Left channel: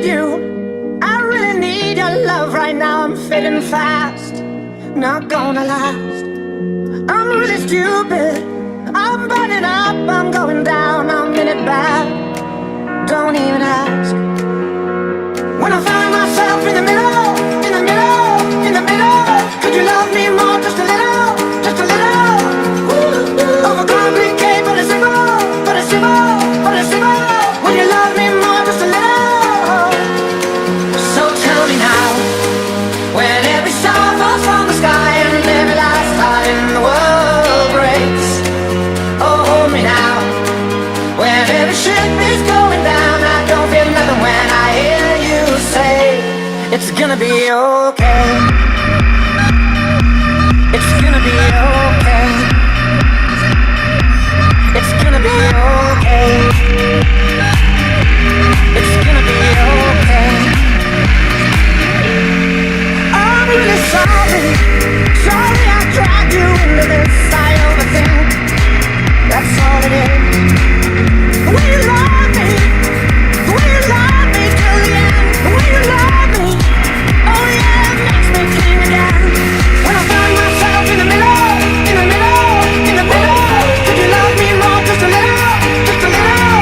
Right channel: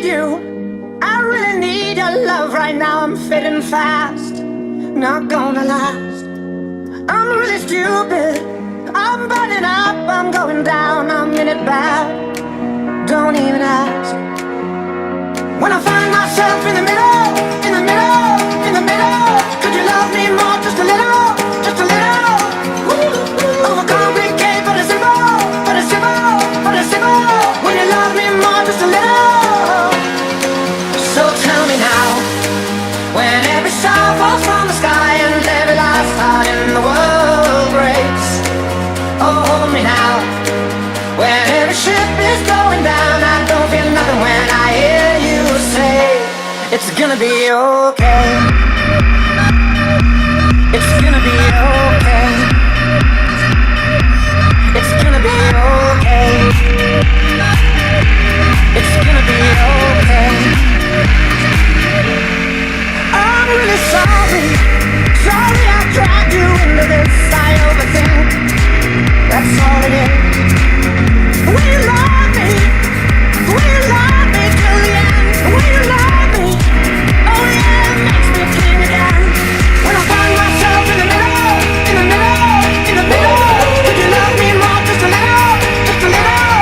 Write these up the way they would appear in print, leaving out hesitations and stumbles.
need you. I really need your love right now. I'm fading fast, not gonna last. I'm really stupid, I'm burning up, I'm going down, I'm in it bad. Don't even ask. When I find myself in the middle, in the middle, in the middle, could you love me more, just a little, just a little? Overcomplicate, but it's simple, but it's simple, but it's simple. When you love me more, just a little. So tell me now, when every star falls from the sky and every last heart in the world breaks. Oh, hold me now, when every ship is going down, I don't feel nothing when I hear you say, it's gonna be okay. It's gonna be okay. It's gonna be okay. It's gonna be okay. I'm really sorry, sorry I dragged you into this. I overthink, that's all it is. The way you love me, the way you love me till the end. The way you love me, oh yeah, it makes me king again. When I find myself in the middle, in the middle, in the middle, could you love me more, just a little, just a little?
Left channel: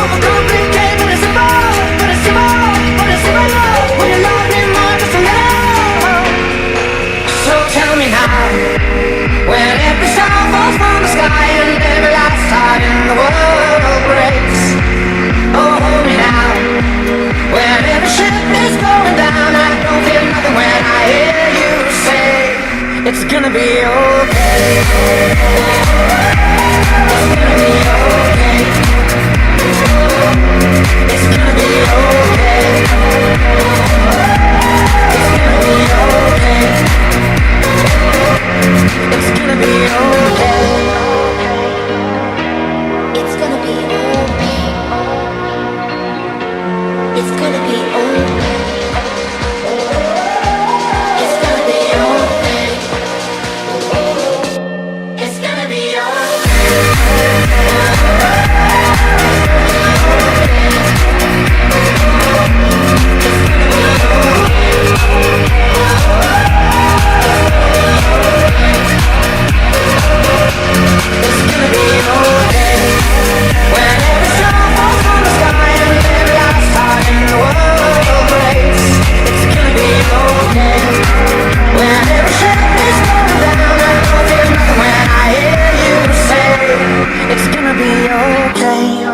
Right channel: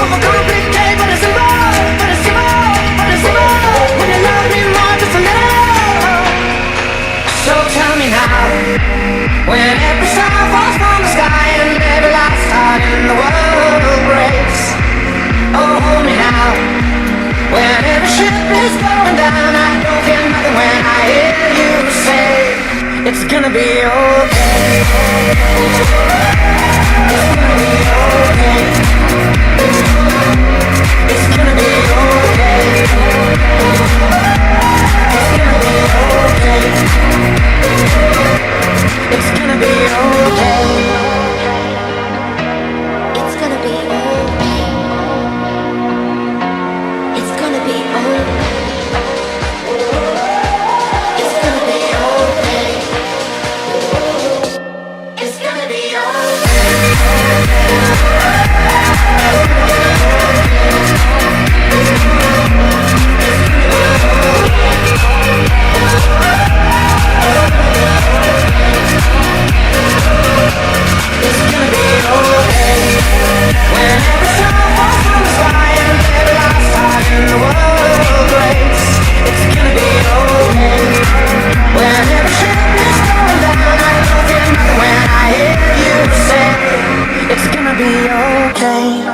Overcomplicate, but it's simple, but it's simple, but it's simple. When you love me more, just a little. So tell me now, when every star falls from the sky and every last heart in the world breaks. Oh, hold me now, when every ship is going down, I don't feel nothing when I hear you say, it's gonna be okay. It's gonna be okay. It's gonna be okay. It's gonna be okay. It's gonna be okay. It's gonna be okay. It's gonna be okay. It's gonna be okay. It's gonna be It's gonna be okay. When every star falls from the sky and every last heart in the world breaks. It's gonna be okay. When every ship is going down, I don't feel nothing when I hear you say, it's gonna be okay.